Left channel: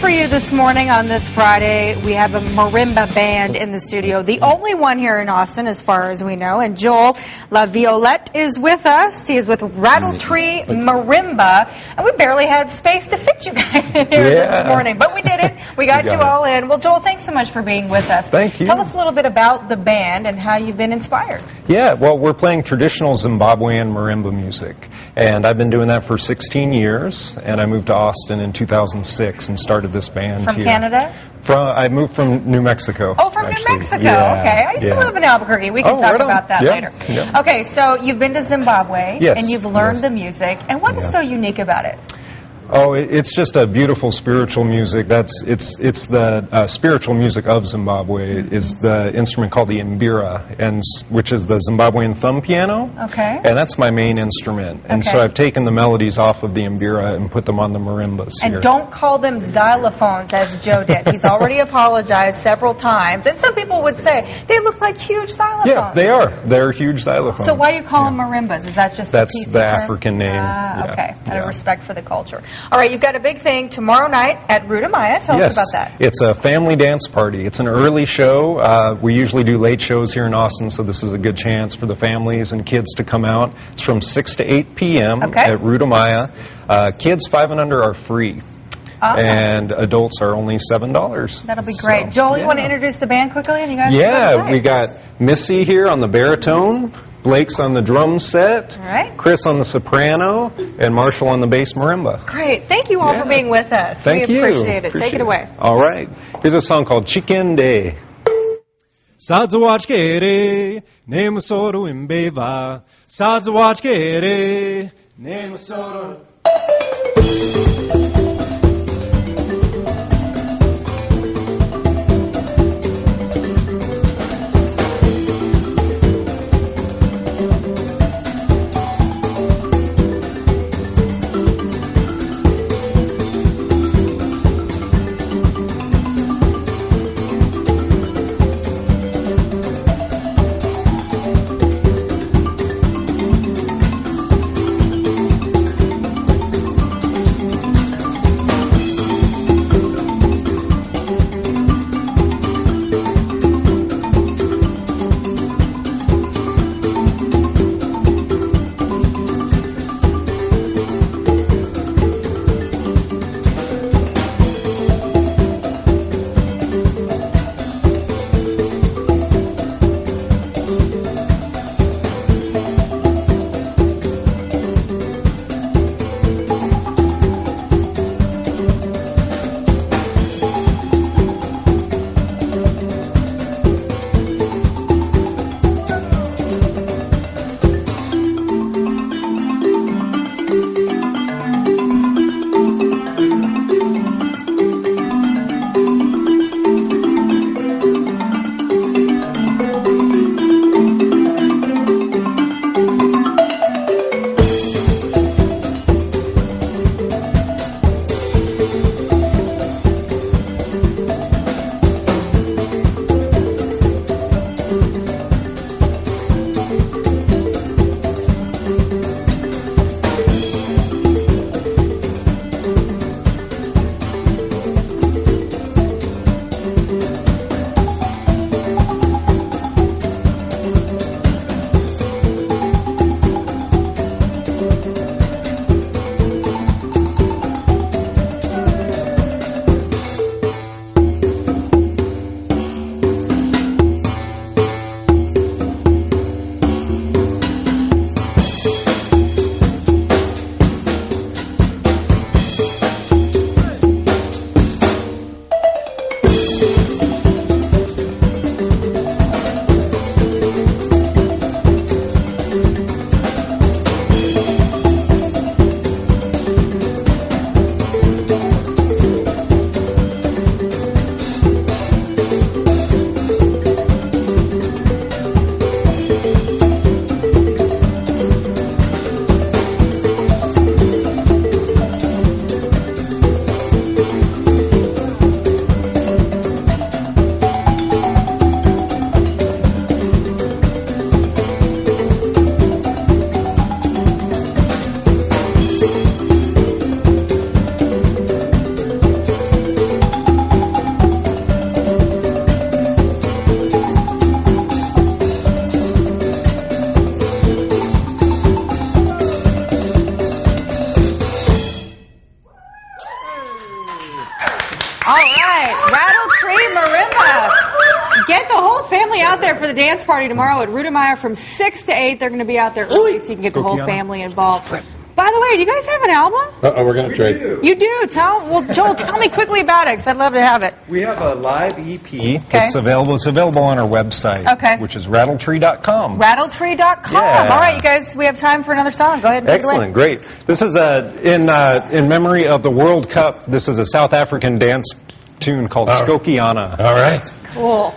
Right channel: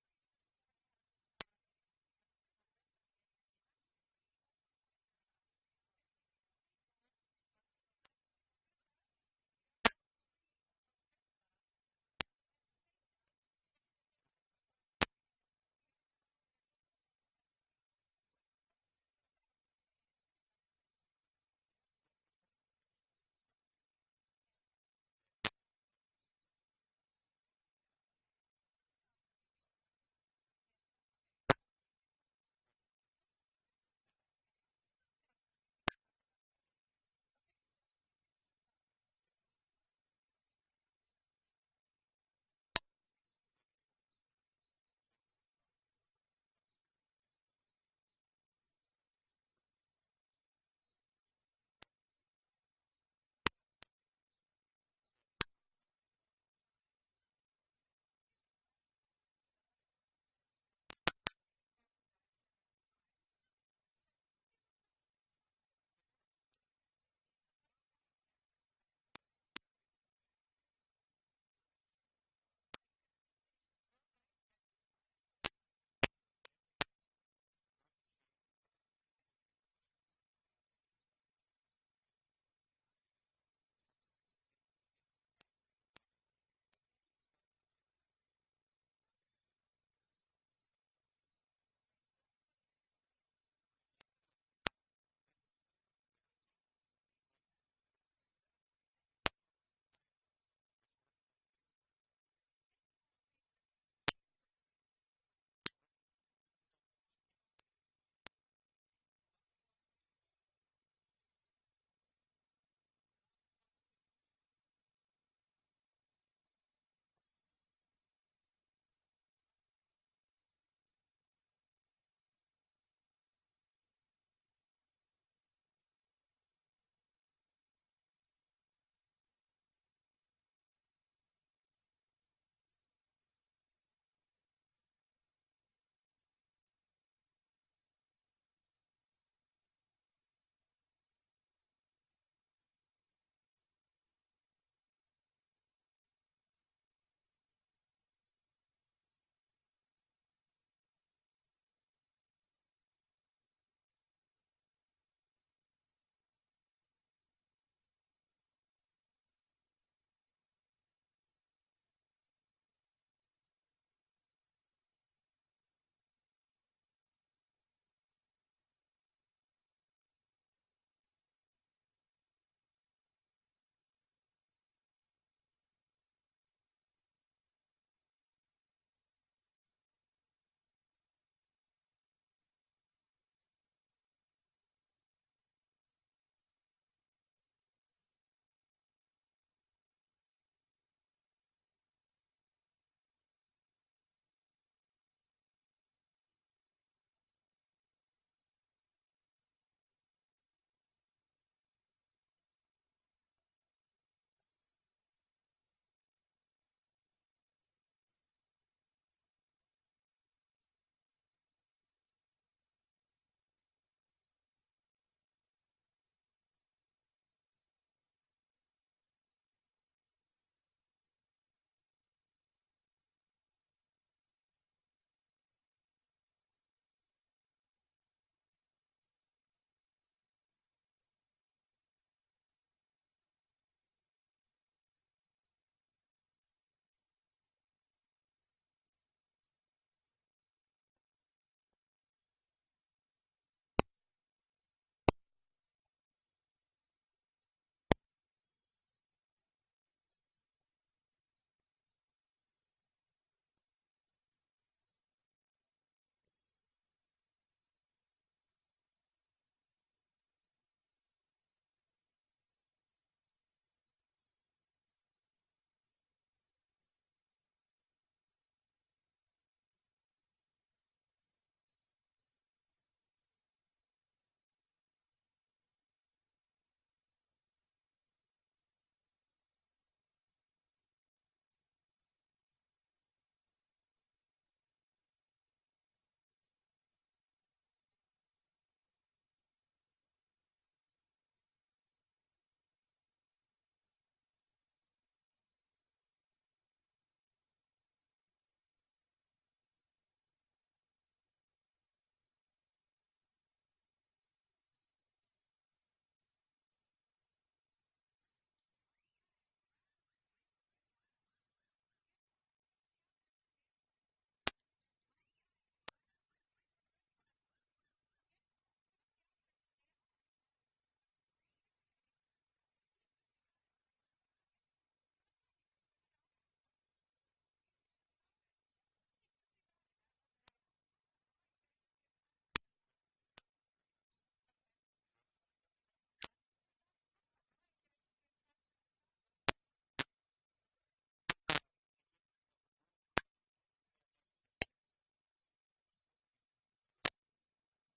for you this morning on this Friday. We have a marimba band in the studio, the only one here in Austin as far as we know. And Joel La Violette is with us. He is with Rattletree Marimba. And we barely had space to fit you guys in here this morning, but we did it. We got you all in. Well, Joel, thanks so much for being with us. Thank you. Tell us a little bit about the band and how you've been inspired. Yeah, well, we're playing traditional Zimbabwean marimba music, and I've been doing that for 16 years, and I moved to Austin in 2006 and started this band From here. Canada? I moved from New Mexico. Oh, from actually. New Mexico. Yeah, Okay. I used to live in Albuquerque. We can talk about that later. Yeah. Okay, so you've been to Zimbabwe, and you've learned the music. And what is so unique about it? Oh, it's just a beautiful spiritual music. It's the spiritual music of Zimbabwe. Is the instrument called the mbira, which is the Zimbabwean thumb piano. Okay. And that's my main instrument. And so I've taken the melodies off of the mbira and put them on the marimbas here. And don't call them xylophones, as Joe did. He's already apologized several times. And some people would say they look like huge xylophones. Yeah, they are. They're huge xylophones. So why do you call them marimbas? Is that just that's the the African name? Okay. Out of respect for the culture. All right, you've got a big thing tomorrow night at Ruta Maya. Tell us about that. It's a family dance party. It's an early show. We usually do late shows here in Austin, so this is a good chance for the families and kids to come out. It's from 6 to 8 p.m. at Ruta Maya. Kids 5 and under are free. And adults are only $7. That'll be great. So, Joel, you want to introduce the band quickly? And you guys we got Missy here on the baritone, Blake's on the drum set, Chris on the soprano, and Marshall on the bass marimba. Great. Thank you all for being with us. Thank you. We appreciate it. Take it away. All right. Here's a song called Chicken Day. Sadzawachkere, nemusoro imbeva. Sadzawachkere, nemusoro. family out there for the dance party tomorrow at Ruta Maya from 6 to 8. They're going to be out there early so you can get the whole family involved. By the way, do you guys have an album? We're going to trade. You do? Joel, tell me quickly about it, because I'd love to have it. We have a live EP that's available. It's available on our website, which is rattletree.com. Rattletree.com. Yeah. All right, you guys, we have time for another song. Go ahead and take it away. Excellent, great. This is in memory of the World Cup. This is a South African dance tune called Skokiana. All right. Cool.